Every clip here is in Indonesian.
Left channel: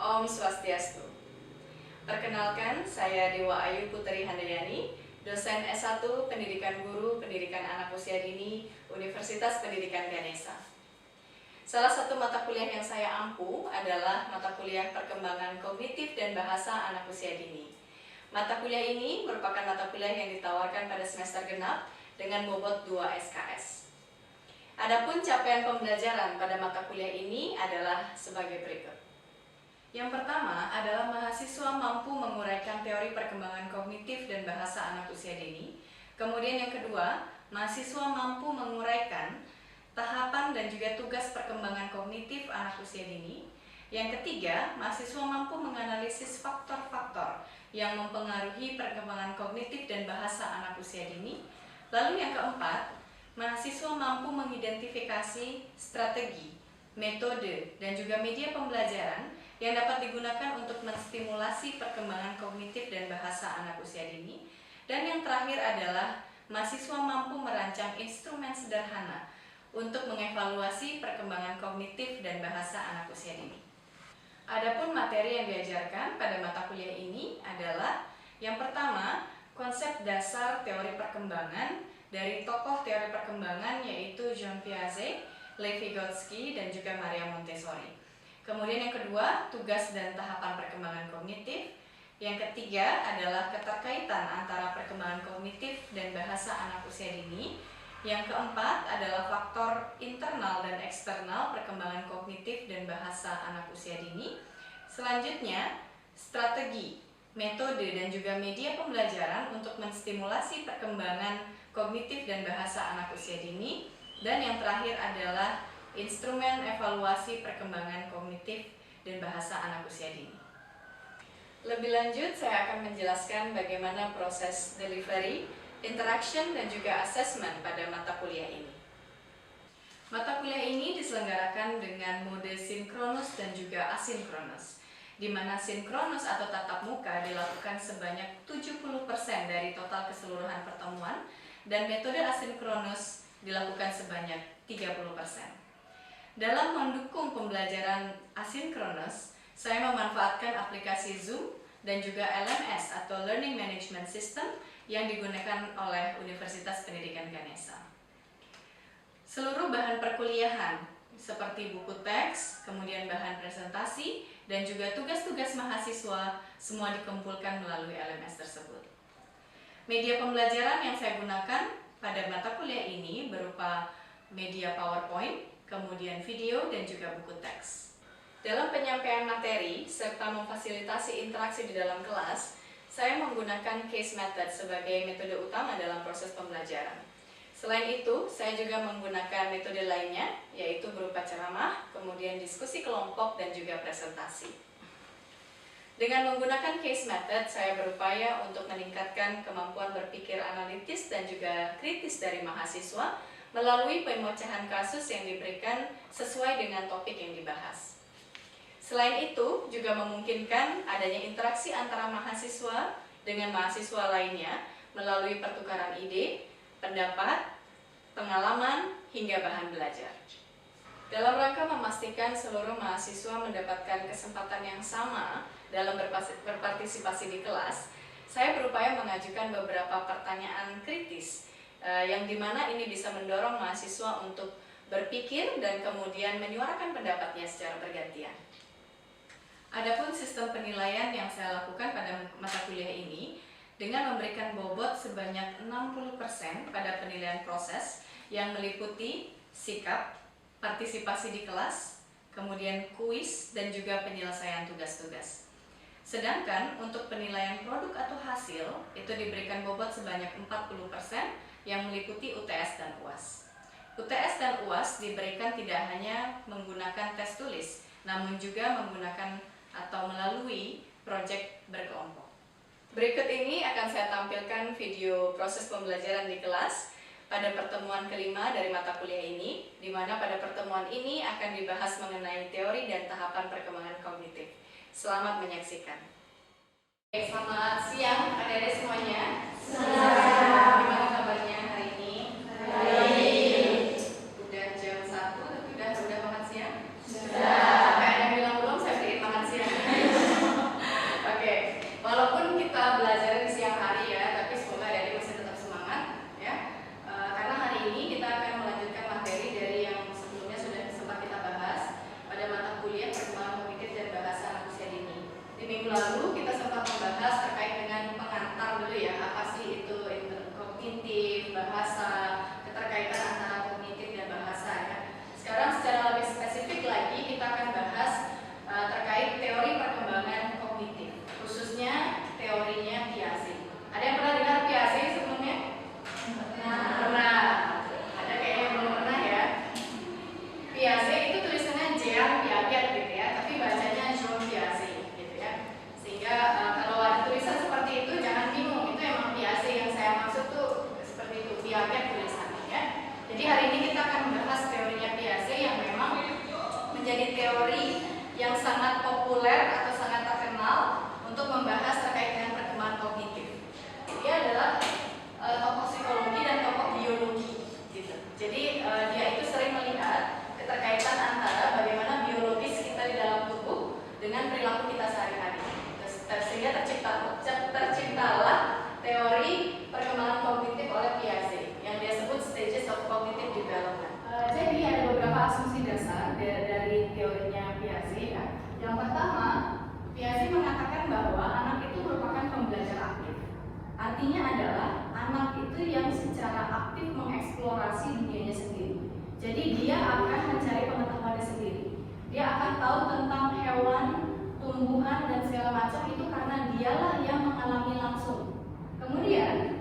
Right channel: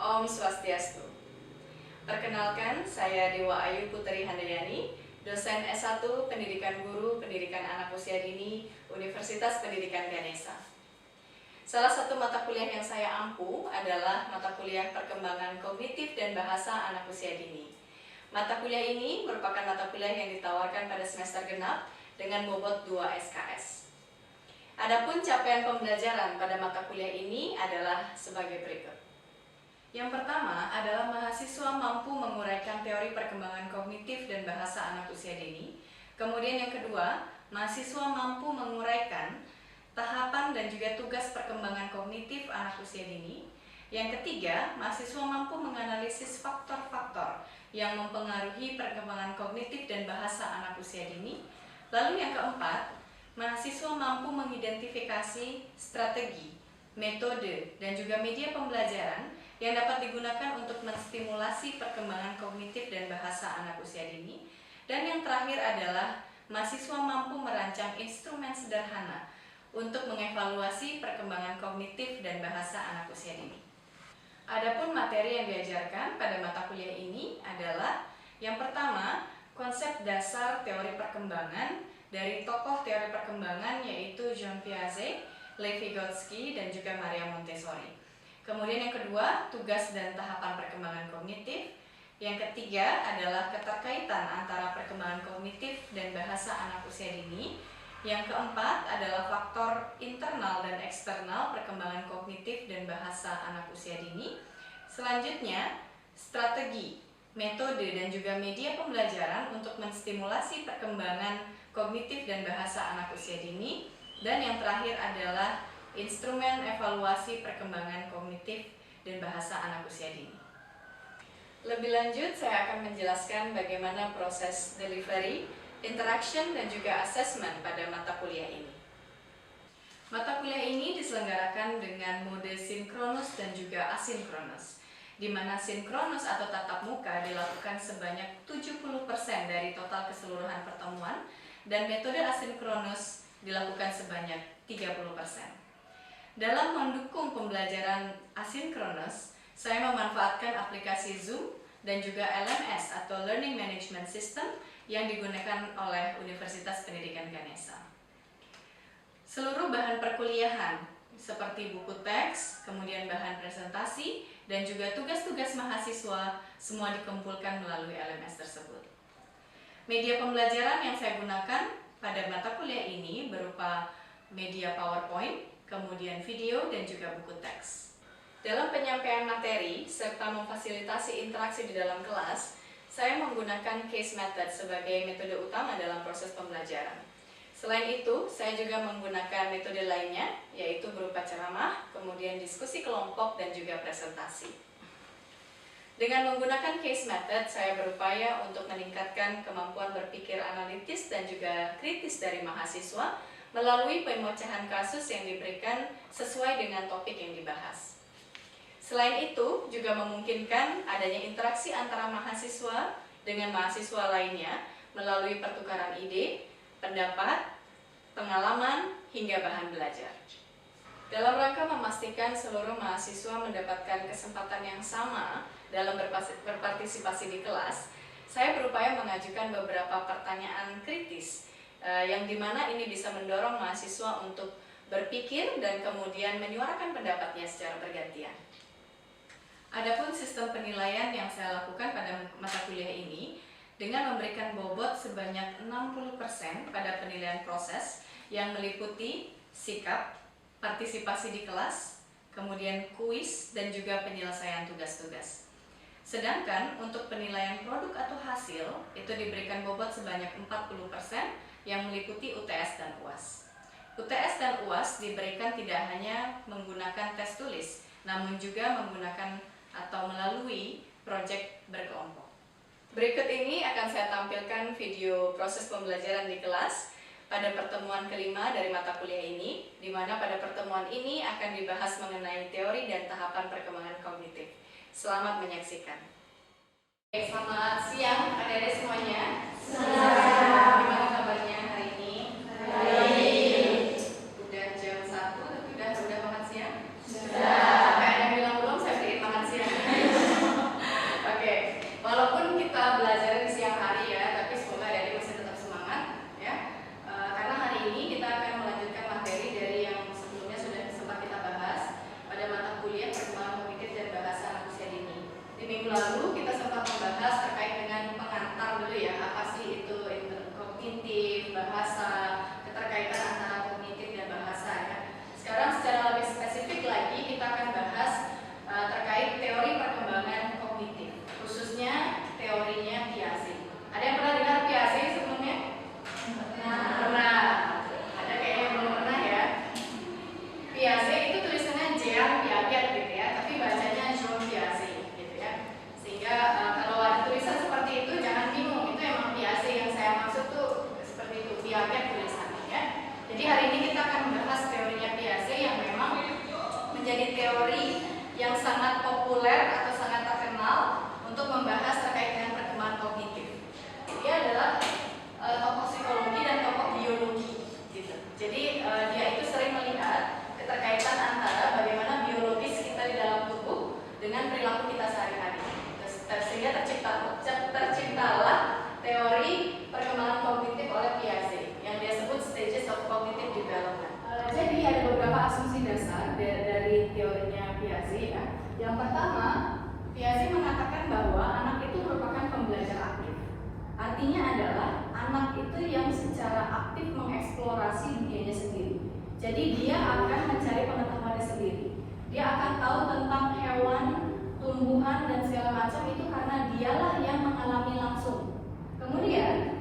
Om Swastiastu. Perkenalkan, saya Dewa Ayu Putri Handayani, dosen S1 Pendidikan Guru Pendidikan Anak Usia Dini Universitas Pendidikan Ganesha. Salah satu mata kuliah yang saya ampu adalah mata kuliah Perkembangan Kognitif dan Bahasa Anak Usia Dini. Mata kuliah ini merupakan mata kuliah yang ditawarkan pada semester genap dengan bobot 2 SKS. Adapun capaian pembelajaran pada mata kuliah ini adalah sebagai berikut. Yang pertama adalah mahasiswa mampu menguraikan teori perkembangan kognitif dan bahasa anak usia dini. Kemudian yang kedua, mahasiswa mampu menguraikan tahapan dan juga tugas perkembangan kognitif anak usia dini. Yang ketiga, mahasiswa mampu menganalisis faktor-faktor yang mempengaruhi perkembangan kognitif dan bahasa anak usia dini. Lalu yang keempat, mahasiswa mampu mengidentifikasi strategi, metode, dan juga media pembelajaran yang dapat digunakan untuk menstimulasi perkembangan kognitif dan bahasa anak usia dini. Dan yang terakhir adalah mahasiswa mampu merancang instrumen sederhana untuk mengevaluasi perkembangan kognitif dan bahasa anak usia dini. Adapun materi yang diajarkan pada mata kuliah ini adalah yang pertama, konsep dasar teori perkembangan dari tokoh teori perkembangan yaitu Jean Piaget, Lev Vygotsky, dan juga Maria Montessori. Kemudian yang kedua, tugas dan tahapan perkembangan kognitif. Yang ketiga adalah keterkaitan antara perkembangan kognitif dan bahasa anak usia dini. Yang keempat adalah faktor internal dan eksternal perkembangan kognitif dan bahasa anak usia dini. Selanjutnya, strategi, metode, dan juga media pembelajaran untuk menstimulasi perkembangan kognitif dan bahasa anak usia dini. Dan yang terakhir adalah instrumen evaluasi perkembangan kognitif dan bahasa anak usia dini. Lebih lanjut, saya akan menjelaskan bagaimana proses delivery, interaction, dan juga assessment pada mata kuliah ini. Mata kuliah ini diselenggarakan dengan mode sinkronus dan juga asinkronus, di mana sinkronus atau tatap muka dilakukan sebanyak 70% dari total keseluruhan pertemuan, dan metode asinkronus dilakukan sebanyak 30%. Dalam mendukung pembelajaran asinkronus, saya memanfaatkan aplikasi Zoom dan juga LMS atau Learning Management System yang digunakan oleh Universitas Pendidikan Ganesha. Seluruh bahan perkuliahan seperti buku teks, kemudian bahan presentasi, dan juga tugas-tugas mahasiswa semua dikumpulkan melalui LMS tersebut. Media pembelajaran yang saya gunakan pada mata kuliah ini berupa media PowerPoint, kemudian video, dan juga buku teks. Dalam penyampaian materi serta memfasilitasi interaksi di dalam kelas, saya menggunakan case method sebagai metode utama dalam proses pembelajaran. Selain itu, saya juga menggunakan metode lainnya, yaitu berupa ceramah, kemudian diskusi kelompok, dan juga presentasi. Dengan menggunakan case method, saya berupaya untuk meningkatkan kemampuan berpikir analitis dan juga kritis dari mahasiswa melalui pemecahan kasus yang diberikan sesuai dengan topik yang dibahas. Selain itu, juga memungkinkan adanya interaksi antara mahasiswa dengan mahasiswa lainnya melalui pertukaran ide, pendapat, pengalaman, hingga bahan belajar. Dalam rangka memastikan seluruh mahasiswa mendapatkan kesempatan yang sama dalam berpartisipasi di kelas, saya berupaya mengajukan beberapa pertanyaan kritis yang dimana ini bisa mendorong mahasiswa untuk berpikir dan kemudian menyuarakan pendapatnya secara bergantian. Adapun sistem penilaian yang saya lakukan pada mata kuliah ini dengan memberikan bobot sebanyak 60% pada penilaian proses yang meliputi sikap, partisipasi di kelas, kemudian kuis, dan juga penyelesaian tugas-tugas. Sedangkan untuk penilaian produk atau hasil itu diberikan bobot sebanyak 40% yang meliputi UTS dan UAS. UTS dan UAS diberikan tidak hanya menggunakan tes tulis, namun juga menggunakan atau melalui proyek berkelompok. Berikut ini akan saya tampilkan video proses pembelajaran di kelas pada pertemuan kelima dari mata kuliah ini, di mana pada pertemuan ini akan dibahas mengenai teori dan tahapan perkembangan kognitif. Selamat menyaksikan. Selamat siang adik-adik semuanya. Gimana kabarnya hari ini? Baik. Udah jam 1, udah makan siang? Sudah. Sampai ada yang bilang belum, saya berikan makan siang. teori yang sangat populer atau sangat terkenal untuk membahas terkait dengan perkembangan kognitif. Dia adalah tokoh psikologi dan tokoh biologi, gitu. Jadi dia itu sering melihat keterkaitan antara bagaimana biologis kita di dalam tubuh dengan perilaku kita sehari-hari. Sehingga terciptalah teori perkembangan kognitif oleh Piaget yang dia sebut stages of cognitive development. Jadi ada beberapa asumsi dasar dari teorinya Piaget ya. Yang pertama, Piaget mengatakan bahwa anak itu merupakan pembelajar aktif. Artinya adalah anak itu yang secara aktif mengeksplorasi dunianya sendiri. Jadi dia akan mencari pengetahuannya sendiri. Dia akan tahu tentang hewan, tumbuhan dan segala macam itu karena dialah yang mengalami langsung. Kemudian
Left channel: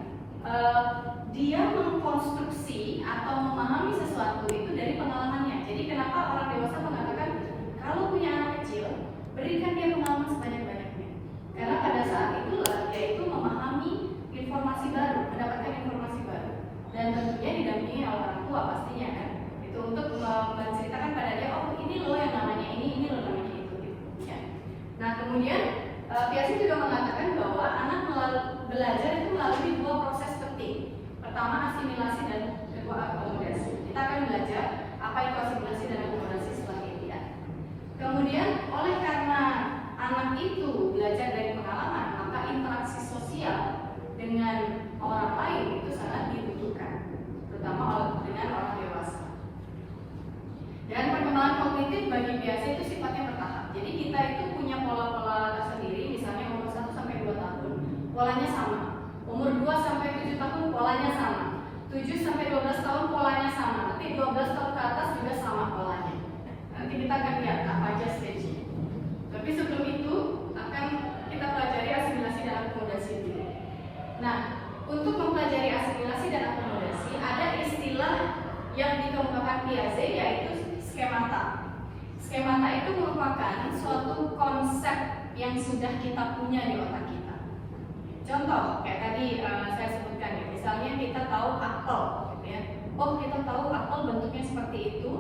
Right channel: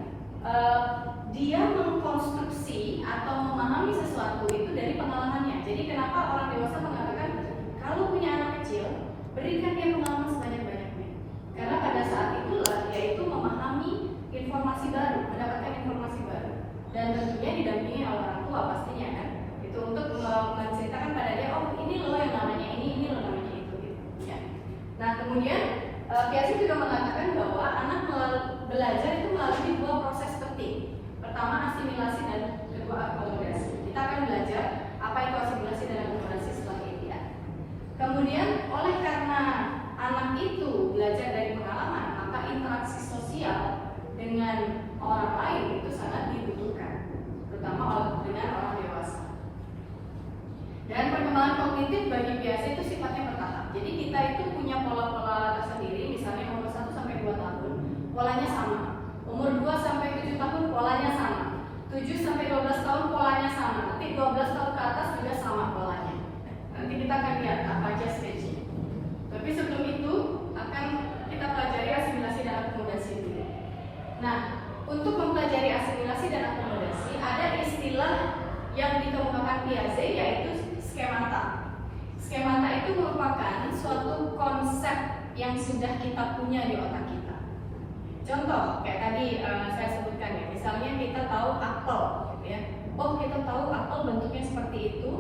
dia mengkonstruksi atau memahami sesuatu itu dari pengalamannya. Jadi kenapa orang dewasa mengatakan kalau punya anak kecil, berikan dia pengalaman sebanyak-banyaknya. Karena pada saat itulah dia itu memahami informasi baru, mendapatkan informasi baru. Dan tentunya didampingi oleh orang tua pastinya kan. Itu untuk menceritakan pada dia, oh ini loh yang namanya ini loh namanya itu. Ya. Nah kemudian Piaget juga mengatakan bahwa anak belajar itu melalui dua proses penting. Pertama asimilasi dan kedua akomodasi. Kita akan belajar apa itu asimilasi dan akomodasi setelah ini ya. Kemudian oleh karena anak itu belajar dari pengalaman, maka interaksi sosial dengan orang lain itu sangat dibutuhkan, terutama dengan orang dewasa. Dan perkembangan kognitif bagi Piaget itu sifatnya bertahap. Jadi kita itu punya pola-pola tersendiri, misalnya umur 1 sampai 2 tahun, polanya sama. Umur 2 sampai 7 tahun polanya sama. 7 sampai 12 tahun polanya sama. Nanti 12 tahun ke atas juga sama polanya. Nanti kita akan lihat apa aja stage-nya. Tapi sebelum itu akan kita pelajari asimilasi dan akomodasi dulu. Nah, untuk mempelajari asimilasi dan akomodasi ada istilah yang dikemukakan Piaget yaitu skemata. Skemata itu merupakan suatu konsep yang sudah kita punya di otak kita. Contoh, kayak tadi saya sebutkan ya, misalnya kita tahu apel, gitu ya. Oh, kita tahu apel bentuknya seperti itu,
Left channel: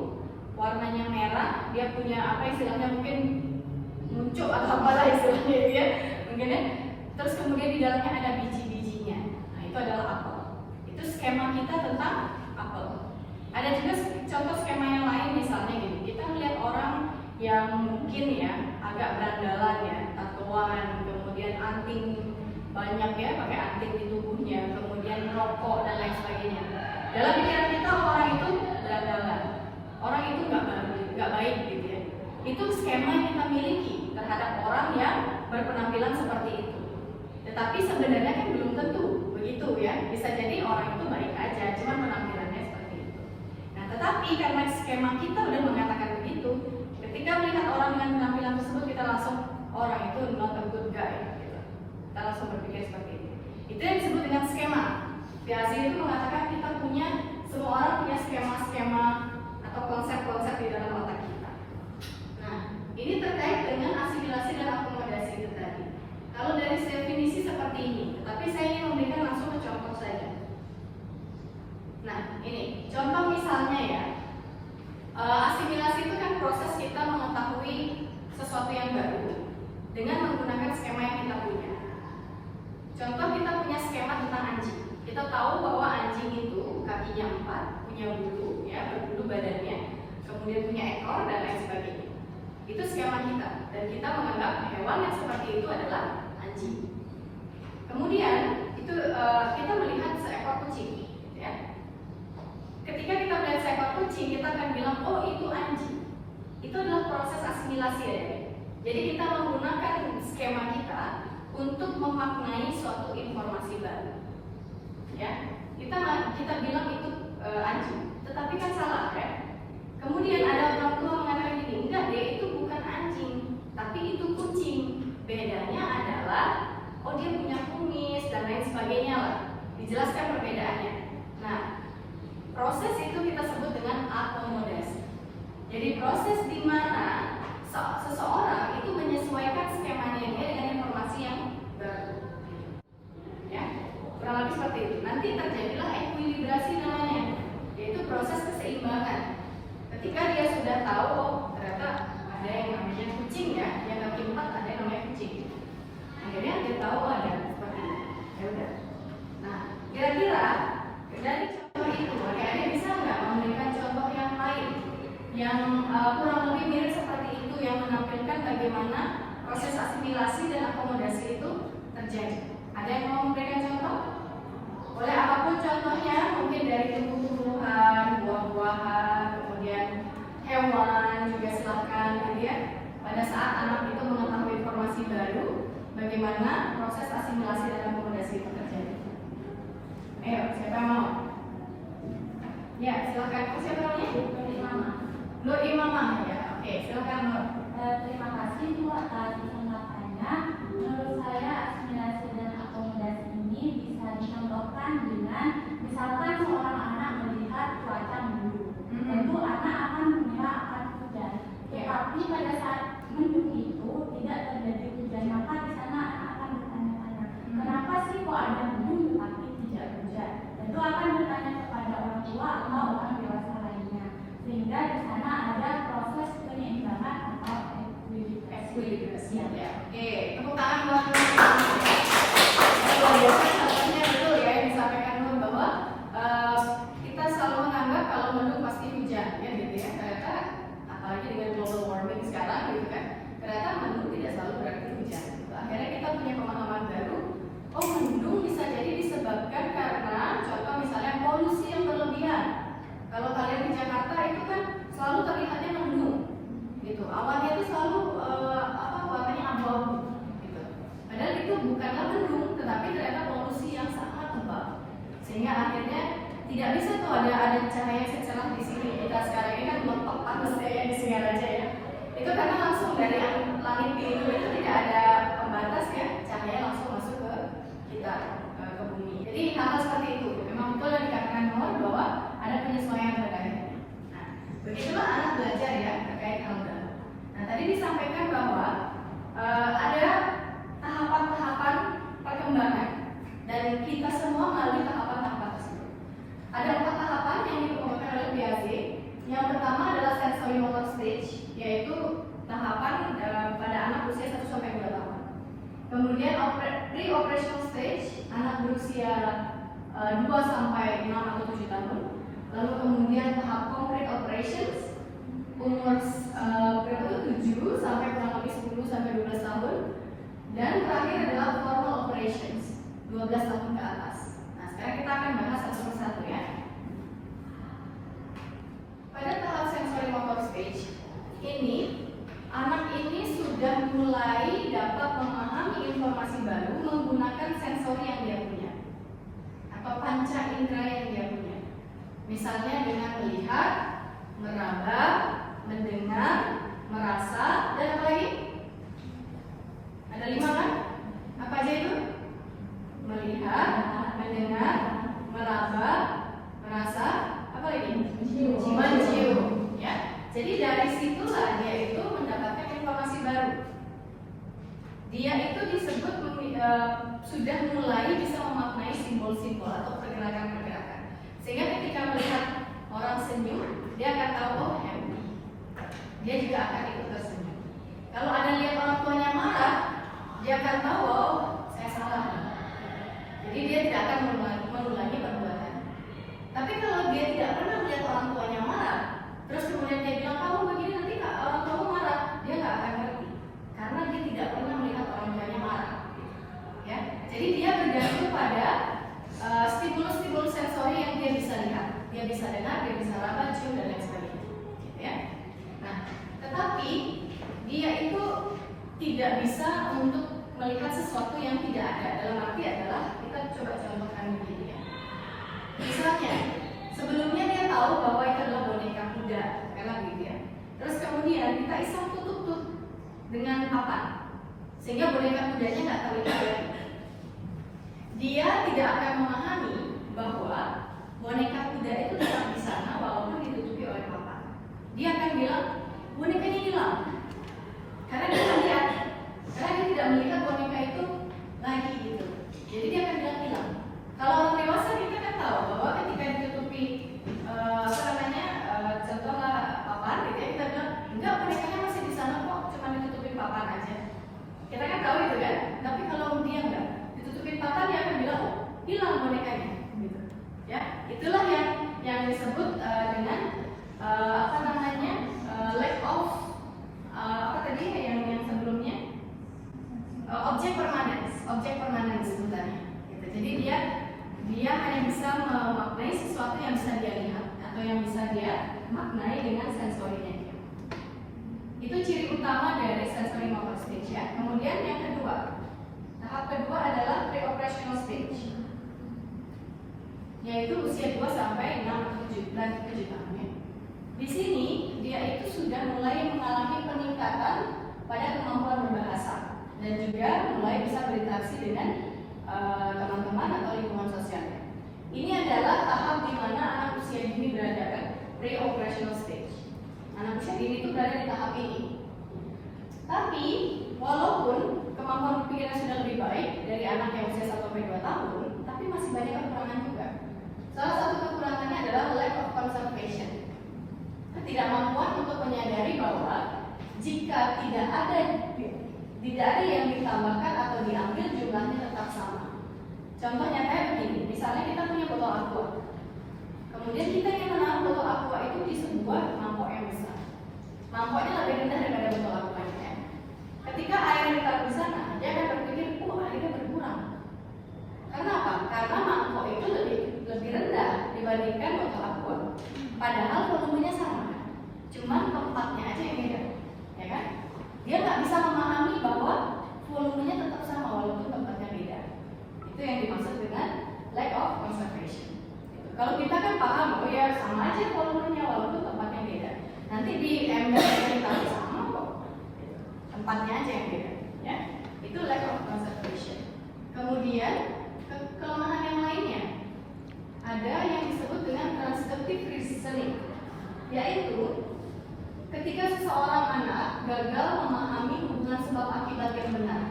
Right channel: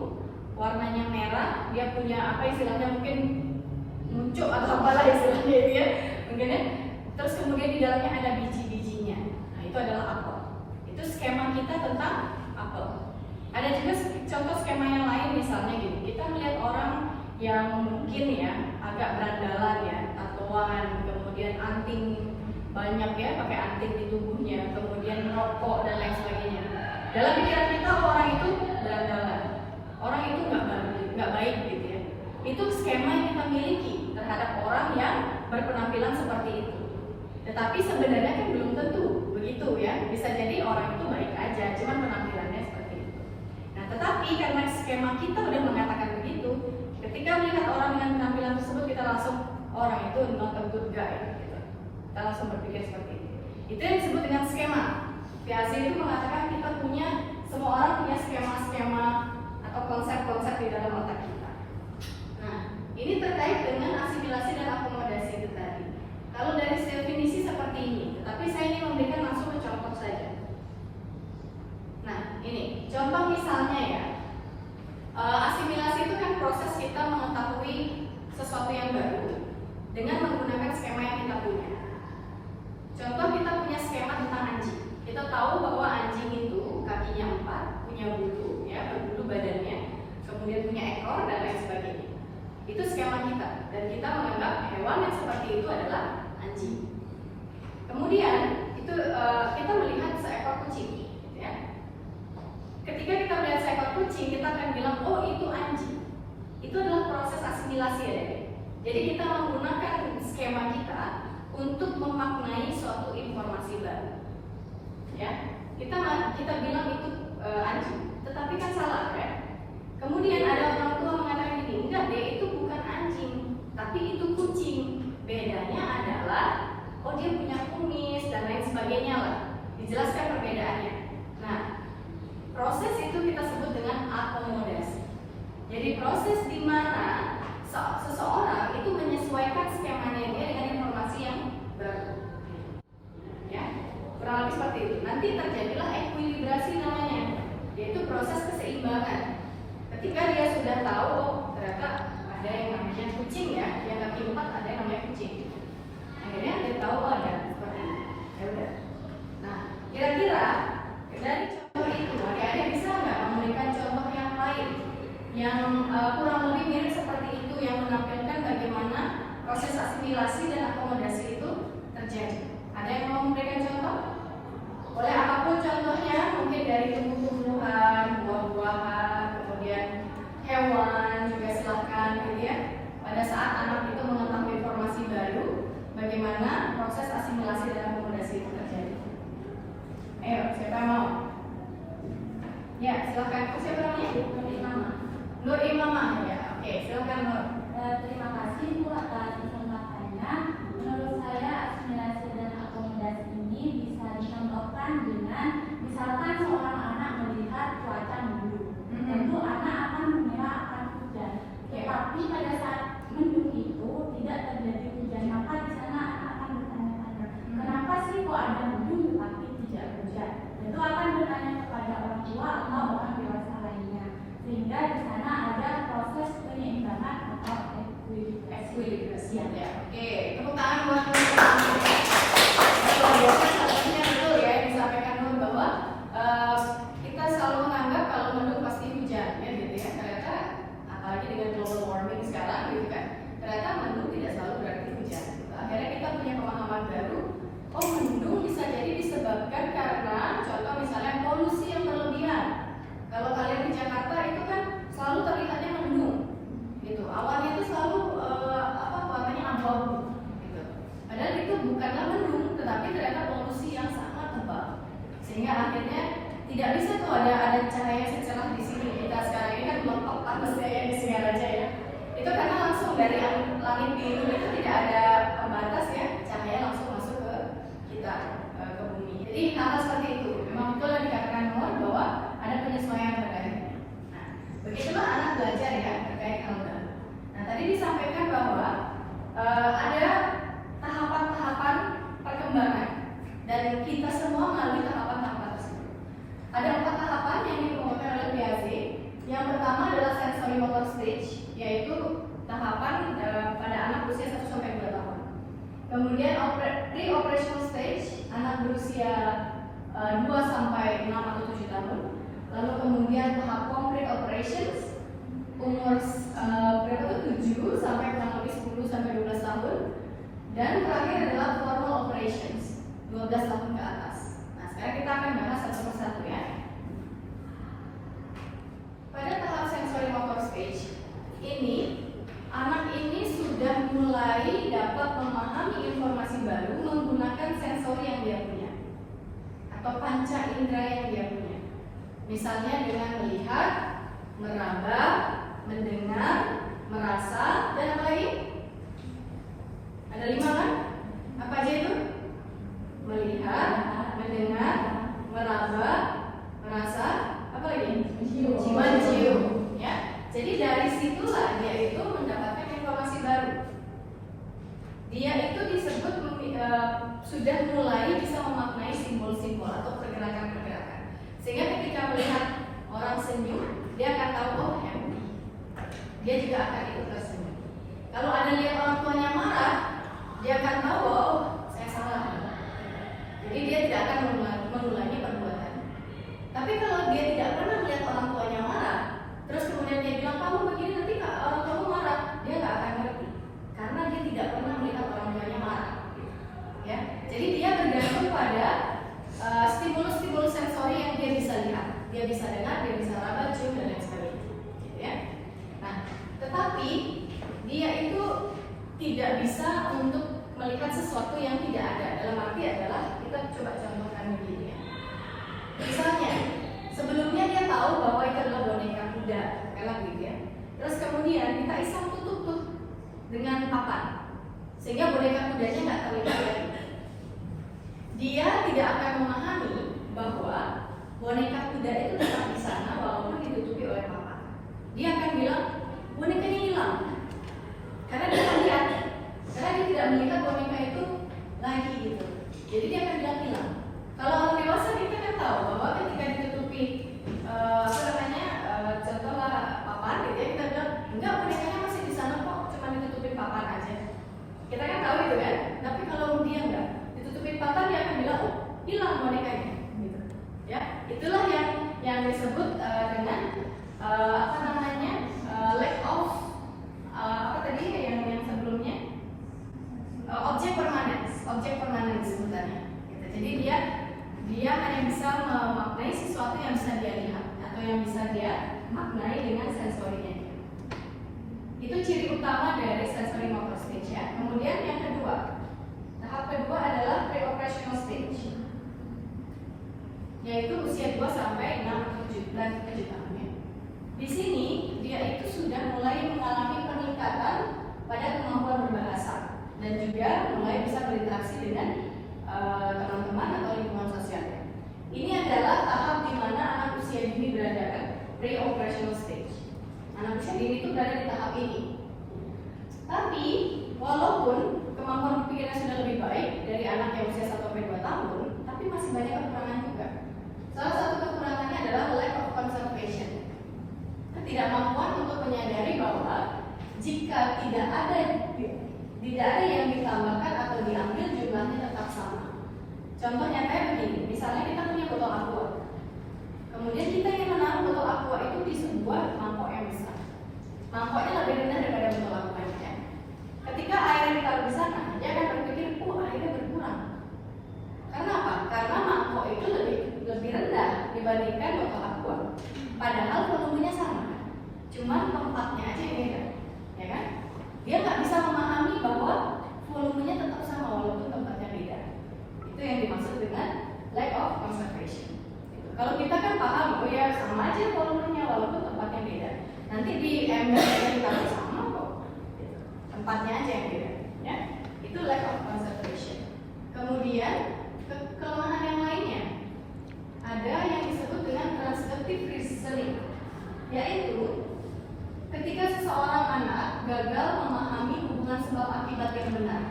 warnanya merah, dia punya apa istilahnya mungkin muncul atau apalah istilahnya ya, mungkin ya. Terus kemudian di dalamnya ada biji-bijinya. Nah, itu adalah apel. Itu skema kita tentang apel. Ada juga contoh skema yang lain misalnya gini, kita melihat orang yang mungkin ya agak berandalan ya, tatoan, kemudian anting banyak ya, pakai anting di tubuhnya, kemudian rokok dan lain sebagainya. Dalam pikiran kita orang itu berandalan, orang itu nggak baik gitu ya. Itu skema yang kita miliki terhadap orang yang berpenampilan seperti itu. Tetapi sebenarnya kan belum tentu begitu ya. Bisa jadi orang itu baik aja, cuman penampilannya seperti itu. Nah, tetapi karena skema kita udah mengatakan begitu, ketika melihat orang dengan penampilan tersebut kita langsung orang itu not a good guy. Kita langsung berpikir seperti itu. Itu yang disebut dengan skema. Piaget itu mengatakan kita punya, semua orang punya skema-skema atau konsep-konsep di dalam otak kita. Nah, ini terkait dengan asimilasi dan akomodasi itu tadi. Kalau dari definisi seperti ini, tapi saya ingin memberikan langsung ke contoh saja. Nah, ini contoh misalnya ya. Asimilasi itu kan proses kita mengetahui sesuatu yang baru dengan menggunakan skema yang kita punya. Contoh kita punya skema tentang anjing. Kita tahu bahwa anjing itu kakinya 4, punya bulu, ya berbulu badannya, kemudian punya ekor dan lain sebagainya. Itu skema kita dan kita menganggap hewan yang seperti itu adalah anjing. Kemudian itu kita melihat seekor kucing, ya. Ketika kita melihat seekor kucing, kita akan bilang, oh itu anjing. Itu adalah proses asimilasi ya. Jadi kita menggunakan skema kita untuk memaknai suatu informasi baru. Ya, kita bilang itu anjing, tetapi kan salah ya. Kemudian ada orang tua mengatakan gini, enggak, dia itu bukan anjing, tapi itu kucing. Bedanya adalah, oh dia punya kumis dan lain sebagainya lah. Dijelaskan perbedaannya. Nah, proses itu kita sebut dengan akomodasi. Jadi proses di mana seseorang itu menyesuaikan skemanya dia dengan informasi yang baru. Ya, kurang lebih seperti itu. Nanti terjadilah ekuilibrasi namanya, yaitu proses keseimbangan. Ketika dia sudah tahu, oh ternyata kurang lebih mirip seperti itu, yang menampilkan bagaimana proses asimilasi dan akomodasi itu terjadi. Ada yang mau memberikan contoh? Oleh apapun contohnya, mungkin dari tumbuh-tumbuhan, buah-buahan, kemudian hewan juga silakan, gitu ya. Pada saat anak itu mengetahui informasi baru, bagaimana proses asimilasi dan akomodasi itu terjadi. Ayo, siapa yang mau? Ya, silakan. Siapa namanya? Nur Imamah, ya. Oke, silakan Nur. Terima kasih Bu atas kesempatannya. Menurut saya asimilasi dan akomodasi ini bisa dicontohkan dengan misalkan seorang anak melihat cuaca mendung, tentu anak akan mengira akan hujan. Tetapi pada saat mendung itu tidak terjadi hujan, maka di sana anak akan bertanya-tanya, kenapa sih kok ada mendung tapi tidak hujan? Tentu akan bertanya kepada orang tua atau orang dewasa lainnya, sehingga di sana ada proses penyeimbangan atau ekuilibrasi. Oke, tepuk tangan buat teman-teman. Biasanya betul ya yang disampaikan Nur bahwa kita selalu menganggap kalau mendung pasti hujan, ya gitu ya. Ternyata apalagi dengan global warming sekarang, gitu kan. Ternyata mendung tidak selalu berarti hujan. Akhirnya kita punya pemahaman baru. Oh, mendung bisa jadi disebabkan karena contoh misalnya polusi yang berlebihan. Kalau kalian di Jakarta itu kan selalu terlihatnya mendung, gitu. Awannya itu selalu warnanya abu-abu, gitu. Padahal itu bukanlah mendung, tetapi ternyata polusi yang sangat tebal, sehingga akhirnya tidak bisa tuh ada cahaya secerah di sini. Kita sekarang ini kan belum panas ya di sini aja ya. Itu karena langsung dari langit biru itu tidak ada pembatas ya, cahaya langsung masuk ke kita, ke bumi. Jadi hal seperti itu memang betul yang dikatakan Nur bahwa ada penyesuaian terkait. Nah, begitulah anak belajar ya terkait hal baru. Nah, tadi disampaikan bahwa ada tahapan-tahapan perkembangan dan kita semua melalui tahapan-tahapan tersebut. Ada 4 tahapan yang dikemukakan oleh Piaget. Yang pertama adalah sensory motor stage, yaitu tahapan pada anak usia 1-2 tahun. Kemudian pre-operational stage, anak berusia 2-6 atau 7 tahun. Lalu kemudian tahap complete operations, umur 7 sampai kurang lebih 10-12 tahun. Dan terakhir adalah formal operations, 12 tahun ke atas. Nah, sekarang kita akan bahas satu persatu ya. Pada tahap sensory motor stage ini, anak ini sudah mulai dapat memahami informasi baru menggunakan sensor yang dia punya atau panca indera yang dia punya. Misalnya dengan melihat, meraba, mendengar, merasa, dan apa lagi? Ada 5 kan? Apa aja itu? Melihat, mendengar, meraba, merasa, apa lagi? Mencium. Ya. Jadi dari situlah dia itu mendapatkan informasi baru. Dia itu disebut sudah mulai bisa memaknai simbol-simbol atau pergerakan-pergerakan. Sehingga ketika melihat orang senyum, dia akan tahu oh happy. Dia juga akan ikut tersenyum. Kalau ada lihat orang tuanya marah, dia akan tahu oh saya salah. Jadi dia tidak akan mengulangi perbuatan. Tapi kalau dia tidak pernah melihat orang tuanya marah, terus kemudian dia bilang kamu begini nanti orang tua marah, dia nggak akan ngerti karena dia tidak pernah melihat orang tuanya marah. Ya, jadi dia bergantung pada stimulus-stimulus sensori yang dia bisa lihat, dia bisa dengar, dia bisa raba, cium dan lain sebagainya. Gitu ya. Nah, tetapi dia itu tidak bisa untuk melihat sesuatu yang tidak ada. Dalam arti adalah kita coba contohkan begini ya. Misalnya, sebelumnya dia tahu bahwa itu adalah boneka kuda, kalau begitu ya. Terus kemudian kita iseng tutup dengan papan, sehingga boneka kudanya nggak terlihat lagi. Dia tidak akan memahami bahwa boneka kuda itu tetap di sana walaupun ditutupi oleh papan. Dia akan bilang bonekanya hilang, karena dia tidak lihat, karena dia tidak melihat boneka itu lagi gitu. Jadi dia akan bilang hilang. Kalau orang dewasa kita kan tahu bahwa ketika ditutupi contohnya papan, kita bilang enggak bonekanya masih di sana kok, cuma ditutupin papan aja. Kita kan tahu itu kan. Tapi kalau dia enggak ditutupin papan, dia akan bilang oh hilang bonekanya. Gitu. Ya, itulah yang disebut dengan mengenai dengan sensorinya. Itu ciri utama dari sensory motor stage ya. Kemudian yang kedua, tahap kedua adalah pre-operational stage, yaitu usia 2 sampai 6 atau 7 tahun ya. Di sini dia itu sudah mulai mengalami peningkatan pada kemampuan berbahasa dan juga mulai bisa berinteraksi dengan teman-teman atau lingkungan sosialnya. Ini adalah tahap di mana anak usia dini berada kan, pre-operational stage. Anak usia dini itu berada di tahap ini. Tapi walaupun kemampuan berpikirnya sudah lebih baik dari anak yang usia 1 sampai 2 tahun, tapi masih banyak kekurangan juga. Salah satu kekurangannya adalah lack of concentration. Ketidakmampuan untuk menyadari bahwa jika tidak ada yang ditambahkan atau diambil, jumlahnya tetap sama. Contohnya kayak begini, misalnya kita punya botol aqua, kemudian kita ingin menaruh botol aqua itu di sebuah mangkok yang besar. Mangkoknya lebih rendah daripada botol aqua ya. Ketika air ditaruh di sana, dia akan berpikir, airnya berkurang. Karena apa? Karena mangkok itu lebih rendah dibandingkan botol aqua. Padahal volumenya sama kan? Cuma tempatnya aja yang beda, ya kan? Dia nggak bisa memahami bahwa volumenya tetap sama walaupun tempatnya beda. Itu yang dimaksud dengan lack of concentration. Gitu. Kalau kita kan paham, ya sama aja volumenya walaupun tempatnya beda. Nanti di ember yang kita sama kok, gitu. Tempatnya aja yang beda. Ya, itu lack of concentration. Kemudian kelemahan yang lainnya ada yang disebut dengan transductive reasoning, yaitu ketika seseorang anak gagal memahami hubungan sebab akibat yang benar,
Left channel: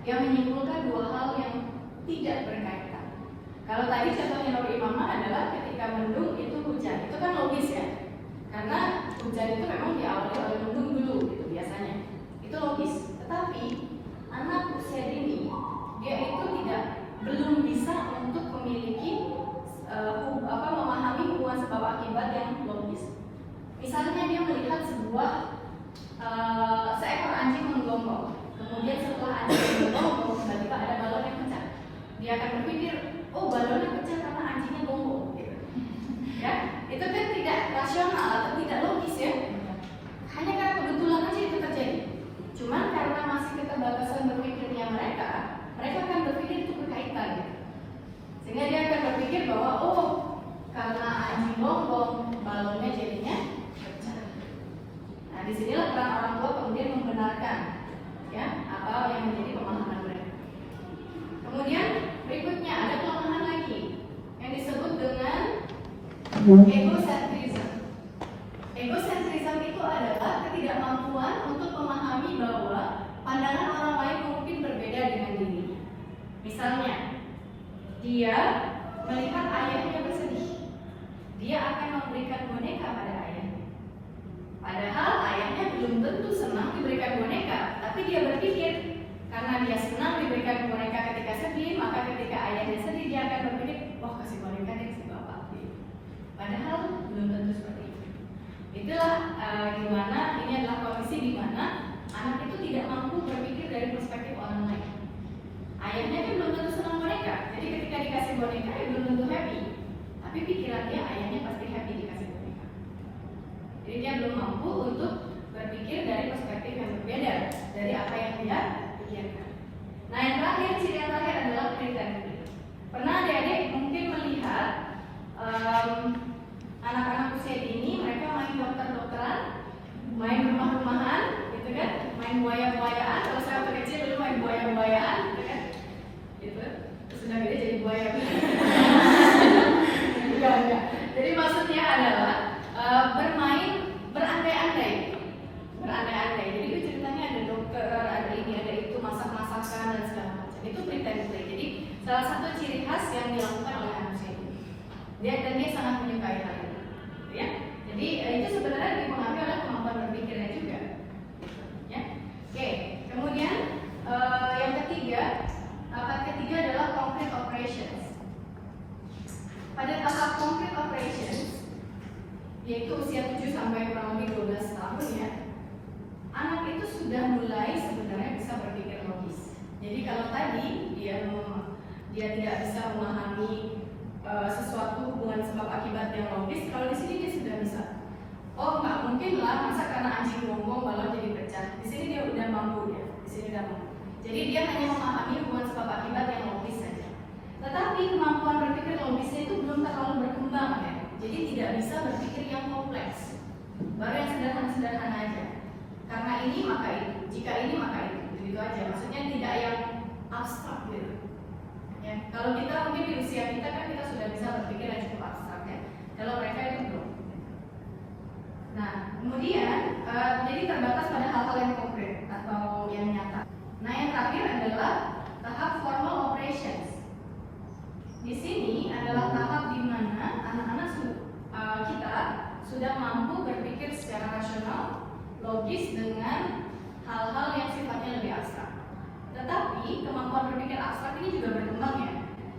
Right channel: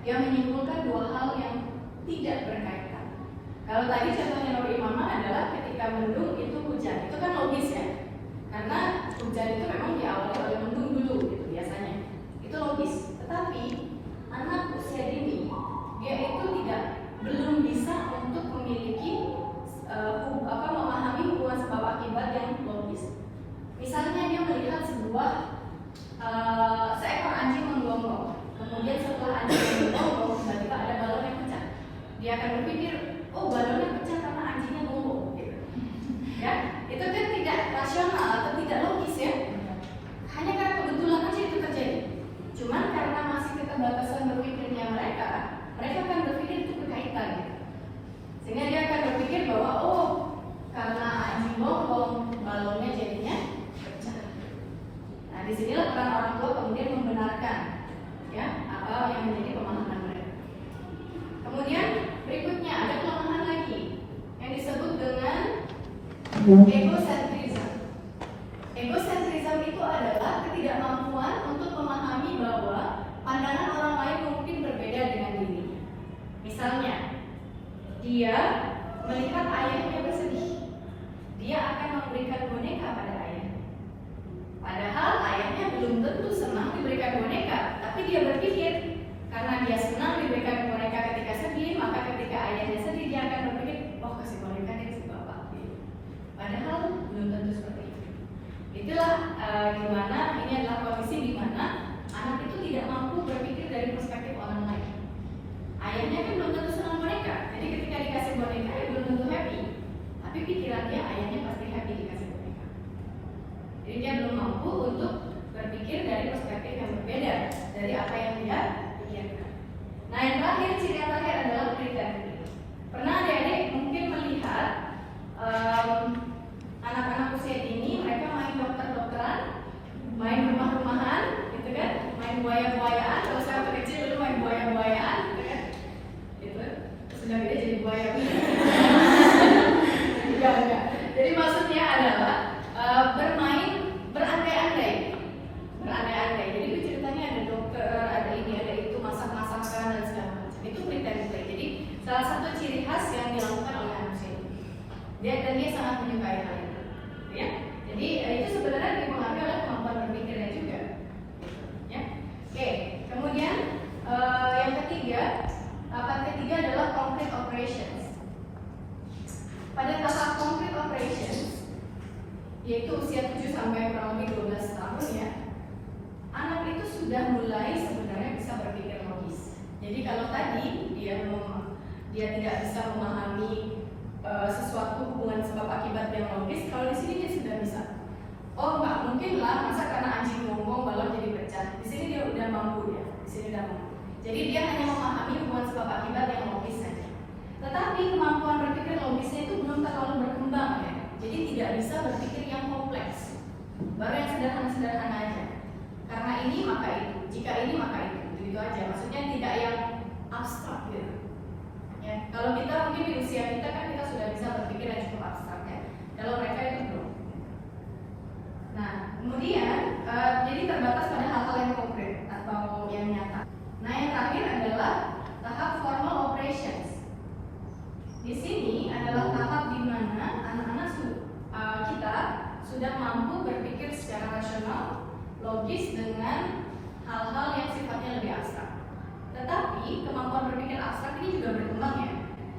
dia menyimpulkan dua hal yang tidak berkaitan. Kalau tadi contohnya Nuri Mama adalah ketika mendung itu hujan, itu kan logis ya, karena hujan itu memang diawali oleh mendung dulu gitu biasanya, itu logis. Tetapi anak usia dini dia itu belum bisa untuk memiliki memahami hubungan sebab akibat yang logis. Misalnya dia melihat seekor anjing menggonggong, kemudian setelah anjing menggonggong tiba-tiba ada balon yang pecah. Dia akan berpikir, balonnya pecah karena anjingnya gonggong. Gitu. Ya, itu kan tidak rasional atau tidak logis ya. Hanya karena kebetulan aja itu terjadi. Cuman karena masih keterbatasan berpikirnya mereka akan berpikir itu berkaitan. Gitu. Sehingga dia akan berpikir bahwa karena anjing gonggong balonnya jadinya pecah. Nah, disinilah peran orang tua kemudian membenarkan ya apa yang menjadi pemahaman mereka. Kemudian berikutnya ada kelemahan lagi yang disebut dengan egocentrism. Egocentrism itu adalah ketidakmampuan untuk memahami bahwa pandangan orang lain mungkin berbeda dengan dirinya. Misalnya, dia melihat ayahnya bersedih, dia akan memberikan boneka pada ayahnya. Padahal ayahnya belum tentu senang diberikan boneka, tapi dia berpikir karena dia senang diberikan boneka ketika sedih, maka ketika ayahnya sedih dia akan berpikir, kasih boneka dari si bapak. Padahal belum tentu seperti itu. Itulah gimana ini adalah kondisi di mana anak itu tidak mampu berpikir dari perspektif orang lain. Ayahnya kan belum tentu senang boneka, jadi ketika dikasih boneka ya belum tentu happy. Tapi pikirannya ayahnya pasti happy dikasih boneka. Jadi dia belum mampu untuk berpikir dari perspektif yang berbeda dari apa yang dia pikirkan. Nah, yang terakhir, ciri yang terakhir adalah pretending. Pernah adik-adik mungkin melihat anak-anak usia dini mereka main dokter-dokteran, main rumah-rumahan, gitu kan, main buaya-buayaan. Kalau saya waktu kecil dulu main buaya-buayaan, gitu kan, itu sudah gede jadi buaya. Enggak. Jadi maksudnya adalah berandai-andai. Jadi itu ceritanya ada dokter, ada ini, ada itu, masak-masakan dan segala macam. Itu pretend play. Jadi salah satu ciri khas yang dilakukan oleh anak usia dini. Dia sangat menyukai hal itu. Ya, jadi itu sebenarnya dipengaruhi oleh kemampuan berpikirnya juga. Ya, oke. Kemudian yang ketiga, tahap ketiga adalah concrete operations. Pada tahap concrete operations, yaitu usia 7 sampai kurang lebih 12 tahun ya, anak itu sudah mulai sebenarnya bisa berpikir logis. Jadi kalau tadi dia tidak bisa memahami sesuatu hubungan sebab akibat yang logis, kalau di sini dia sudah bisa. Oh nggak mungkin lah, masa karena anjing gonggong balon jadi pecah. Di sini dia udah mampu ya, di sini udah mampu. Jadi dia hanya memahami hubungan sebab akibat yang logis saja. Tetapi kemampuan berpikir logisnya itu belum terlalu berkembang ya. Jadi tidak bisa berpikir yang kompleks. Baru yang sederhana-sederhana aja. Karena ini maka itu, jika ini maka itu, begitu aja. Maksudnya tidak yang abstrak gitu. Ya, kalau kita mungkin di usia kita kan kita sudah bisa berpikir yang cukup abstrak ya. Kalau mereka itu belum. Nah, kemudian jadi terbatas pada hal-hal yang konkret atau yang nyata. Nah, yang terakhir adalah tahap formal operations. Di sini adalah tahap di mana anak-anak kita sudah mampu berpikir secara rasional, logis dengan hal-hal yang sifatnya lebih abstrak. Tetapi kemampuan berpikir abstrak ini juga berkembang ya.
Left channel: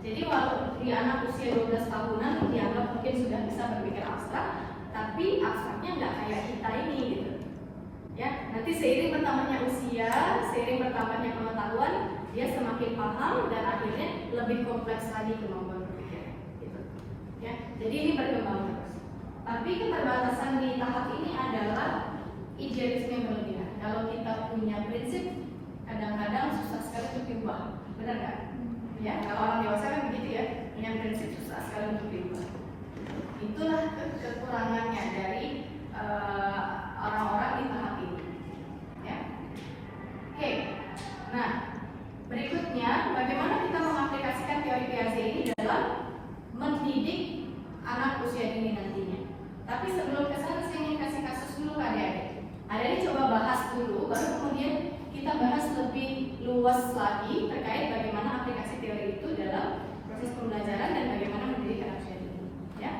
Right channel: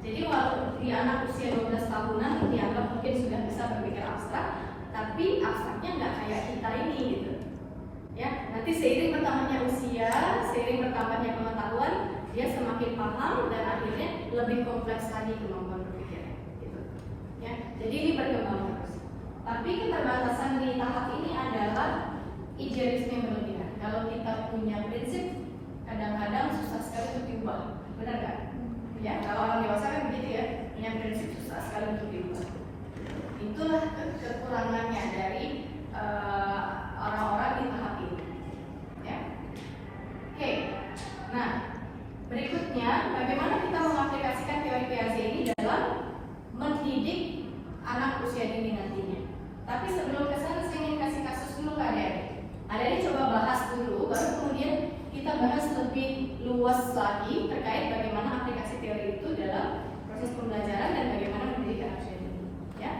Jadi walau di anak usia 12 tahunan dianggap mungkin sudah bisa berpikir abstrak, tapi abstraknya nggak kayak kita ini gitu. Ya, nanti seiring bertambahnya usia, seiring bertambahnya pengetahuan, dia semakin paham dan akhirnya lebih kompleks lagi kemampuan berpikirnya. Gitu. Ya, jadi ini berkembang terus. Tapi keterbatasan di tahap ini adalah idealisme yang berlebihan. Kalau kita punya prinsip, kadang-kadang susah sekali untuk diubah, benar nggak? Ya, kalau orang dewasa kan begitu ya, punya prinsip susah sekali untuk diubah. Itulah kekurangannya dari orang-orang di tahap ini. Ya. Oke. Nah, berikutnya bagaimana kita mengaplikasikan teori Piaget ini dalam mendidik anak usia dini nantinya. Tapi sebelum ke sana saya ingin kasih kasus dulu kan ya. Adik coba bahas dulu, baru kemudian kita bahas lebih luas lagi terkait bagaimana aplikasi teori itu dalam proses pembelajaran dan bagaimana mendidik anak usia dini. Ya.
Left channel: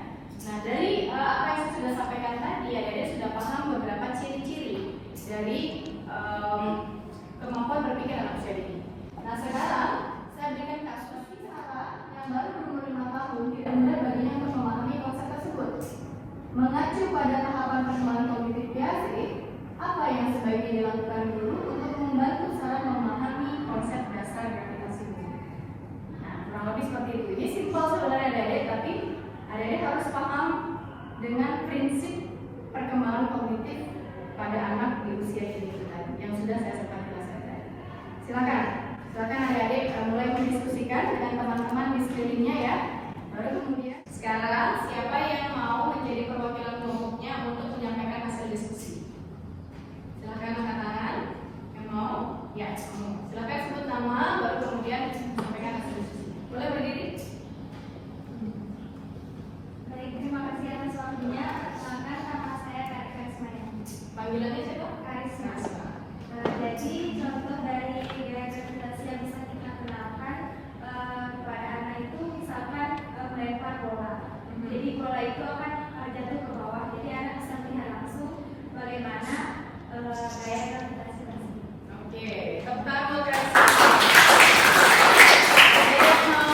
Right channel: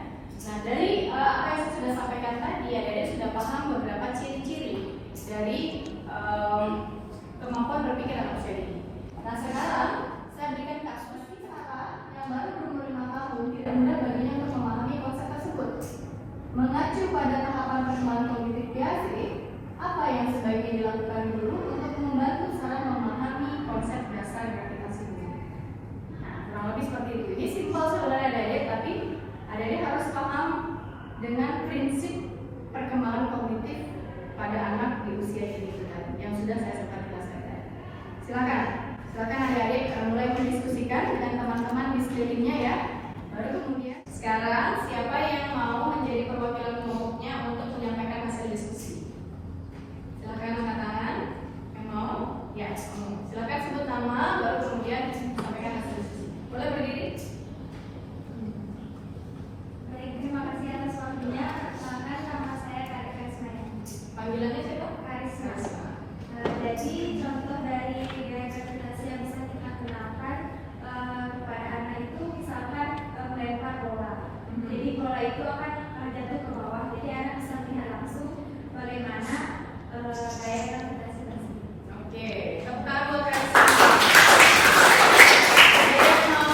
Nah, dari apa yang saya sudah sampaikan tadi, adik sudah paham beberapa ciri-ciri dari kemampuan berpikir anak usia dini. Nah, sekarang saya berikan kasus misalnya yang baru berumur 5 tahun tidak mudah baginya untuk memahami konsep tersebut. Mengacu pada tahapan perkembangan kognitif Piaget, apa yang sebaiknya dilakukan guru untuk membantu seorang memahami konsep dasar gravitasi bumi? Nah, kurang lebih seperti itu. Ini simpel sebenarnya adik, tapi adik harus paham dengan prinsip perkembangan kognitif pada anak di usia dini yang sudah saya sempat jelaskan tadi. Silakan adik-adik mulai mendiskusikan dengan teman-teman di sekelilingnya ya. Baru kemudian sekarang siapa yang mau menjadi perwakilan kelompoknya untuk menyampaikan hasil diskusi? Silakan angkat tangan. Yang mau? Ya, silakan sebut nama baru kemudian menyampaikan hasil diskusi. Boleh berdiri? Baik, terima kasih atas waktunya. Perkenalkan nama saya Karisma. Panggilannya siapa? Karisma. Jadi contoh dari gaya gravitasi yang bisa kita kenalkan kepada anak itu misalkan melempar bola. Jadi bola itu akan jatuh ke bawah. Jadi anak bisa melihat langsung bagaimana gaya gravitasi tersebut. Oke, tepuk tangan Karisma. Ada yang mau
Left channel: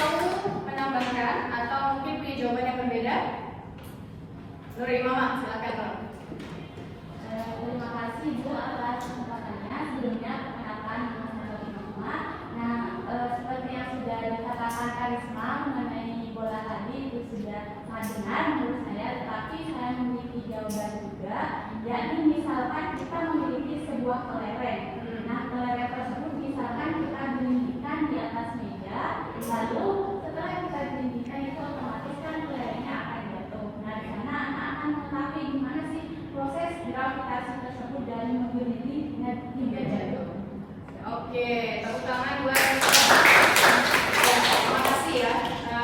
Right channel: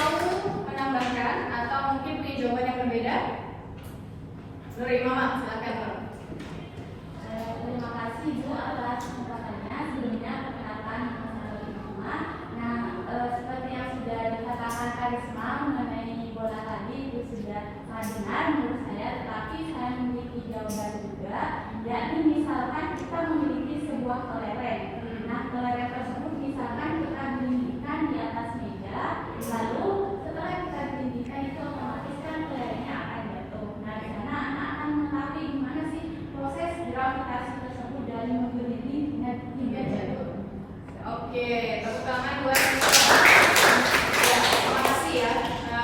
menambahkan atau mungkin punya jawaban yang berbeda? Nuri Mama, silakan. Terima kasih Ibu atas kesempatannya. Sebelumnya perkenalkan nama Mama. Nah, seperti yang sudah dikatakan Karisma mengenai bola tadi itu sudah benar menurut saya, tetapi saya memiliki jawaban juga. Jadi misalkan kita memiliki sebuah kelereng. Nah, kelereng tersebut misalkan kita dindingkan di atas meja, lalu setelah kita dindingkan itu otomatis kan kelerengnya akan jatuh. Nah, di sana anak akan mengetahui gimana sih proses gravitasi tersebut dari mobility hingga jatuh. Oke, tepuk tangan buat terima kasih ya.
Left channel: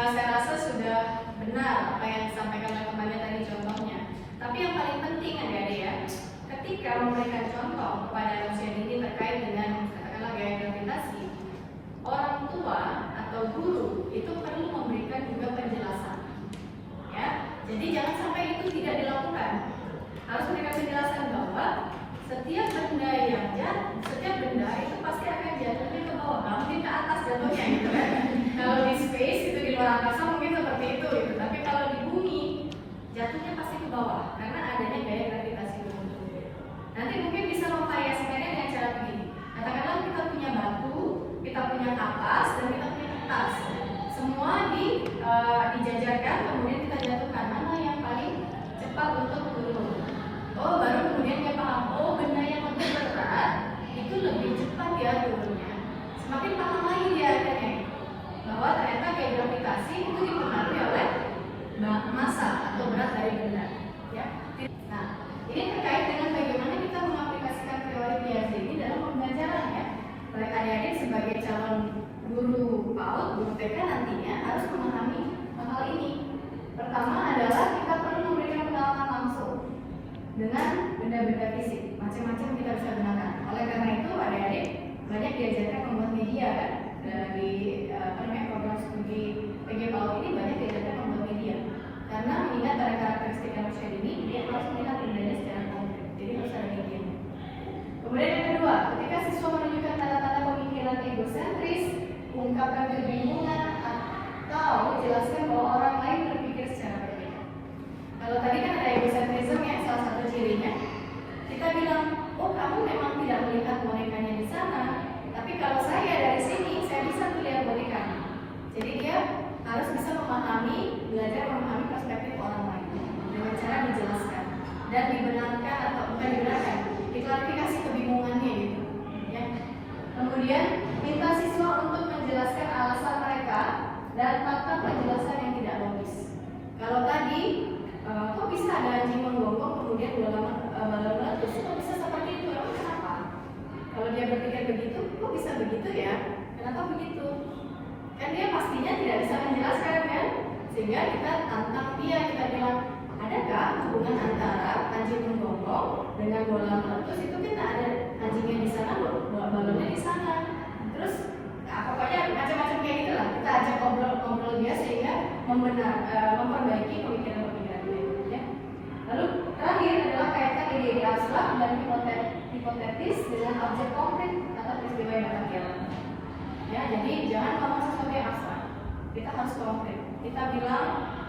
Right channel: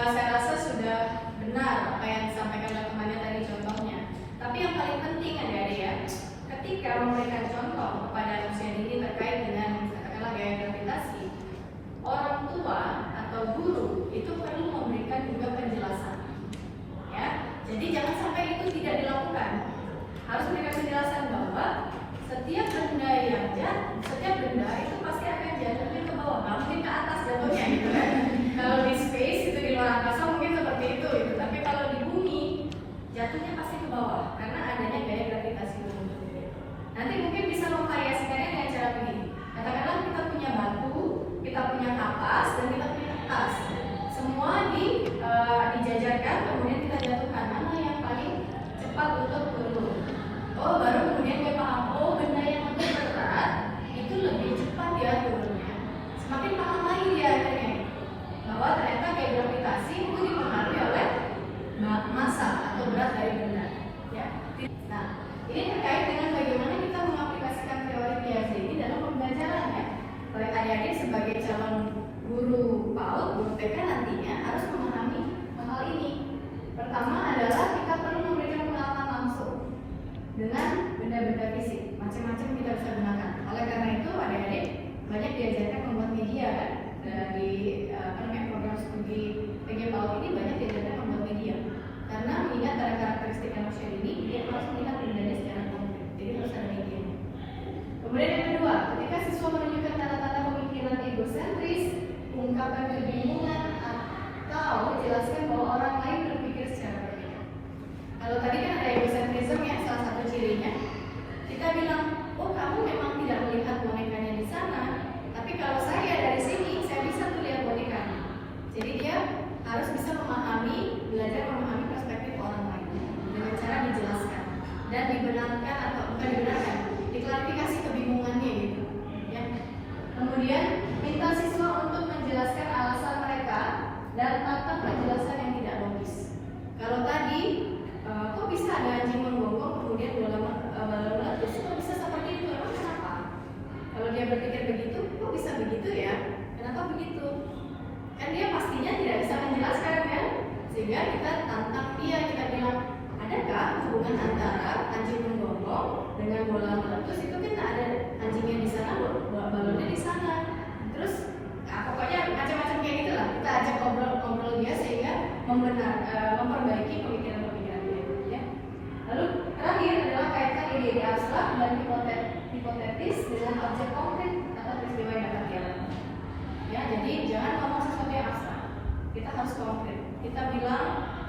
Saya rasa sudah benar apa yang disampaikan oleh temannya tadi contohnya. Tapi yang paling penting adik-adik ya, ketika memberikan contoh kepada anak usia dini Kemudian yang kedua, ketika siswa menunjukkan tanda-tanda pemikiran egosentris, mengungkapkan kebingungan, atau jelaskan bahwa orang lain berpikir secara berbeda. Kalau tadi kan ada egosentrism ya, salah satu cirinya. Kita bilang, oh kamu memang tidak melihat bonekanya di sana, tapi kalau saya dari sini, saya bisa tuh lihat bonekanya. Jadi dia harus bisa belajar memahami perspektif orang lain dengan cara dijelaskan dan dibenarkan atau bukan dibenarkan, diklarifikasi kebingungannya gitu. Ya. Kemudian minta siswa untuk menjelaskan alasan mereka dan tanpa penjelasan yang tidak logis. Kalau tadi kok bisa ada anjing menggonggong kemudian bola terus kok bisa seperti itu, emang kenapa? Kalau dia berpikir begitu, kok bisa begitu ya? Kenapa begitu? Kan dia pastinya tidak bisa menjelaskan kan? Sehingga kita tantang dia, kita bilang, adakah hubungan antara anjing menggonggong dengan bola meletus? Itu kita ada anjingnya di sana, bola balonnya di sana. Terus pokoknya macam-macam kayak gitu lah. Kita ajak ngobrol dia sehingga memperbaiki pemikiran-pemikiran dia. Ya. Lalu terakhir adalah kaitan ide-ide abstrak dan hipotetis dengan objek konkret atau peristiwa yang dapat dialami. Ya, jadi jangan ngomong sesuatu yang abstrak. Kita harus konkret. Kita bilang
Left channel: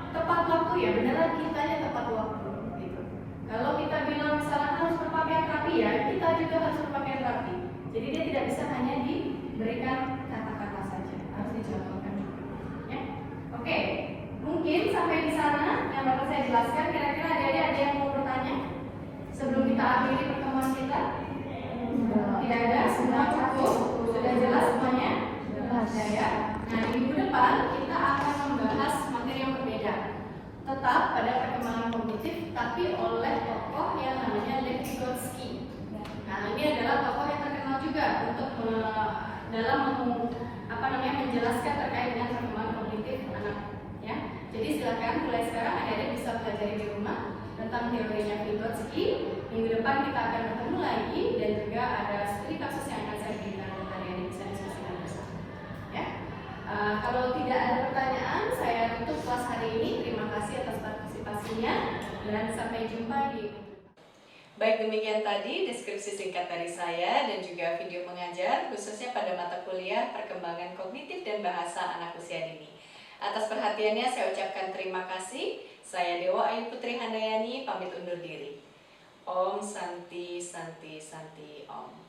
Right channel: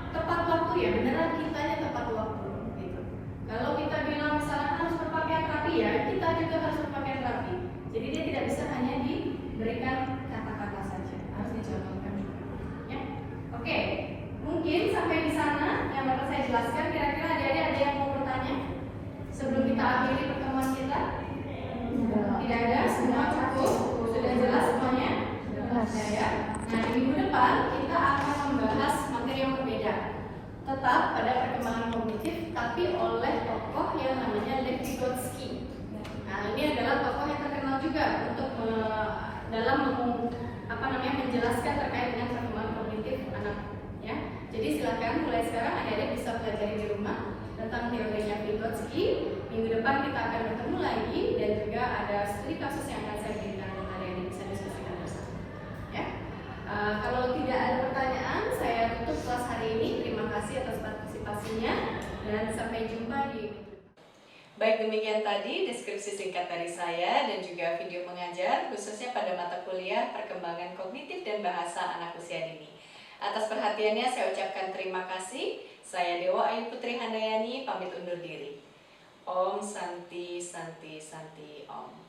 tepat waktu ya, beneran kitanya tepat waktu gitu. Kalau kita bilang misalnya harus berpakaian rapi ya, kita juga harus berpakaian rapi. Jadi dia tidak bisa hanya diberikan kata-kata saja, harus dicontohkan juga. Ya. Oke, mungkin sampai di sana yang baru saya jelaskan. Kira-kira ada yang mau bertanya sebelum kita akhiri pertemuan kita? Tidak ada, semua cukup, sudah jelas semuanya. Ya. Nah, minggu depan kita akan membahas materi yang berbeda, tetap pada perkembangan kognitif, tapi oleh tokoh yang namanya Lev Vygotsky. Nah, ini adalah tokoh yang terkenal juga untuk dalam menjelaskan terkait dengan perkembangan kognitif anak. Ya, jadi silakan mulai sekarang adik-adik bisa pelajari di rumah tentang teorinya Vygotsky. Minggu depan kita akan bertemu lagi dan juga ada studi kasus yang akan saya berikan untuk adik-adik bisa diskusikan bersama. Ya. Kalau tidak ada pertanyaan, saya tutup kelas hari ini. Terima kasih atas partisipasinya dan sampai jumpa di minggu depan. Baik, demikian tadi deskripsi singkat dari saya dan juga video mengajar khususnya pada mata kuliah Perkembangan Kognitif dan Bahasa Anak Usia Dini. Atas perhatiannya saya ucapkan terima kasih. Saya Dewa Ayu Putri Handayani pamit undur diri. Om Santi Santi Santi Om.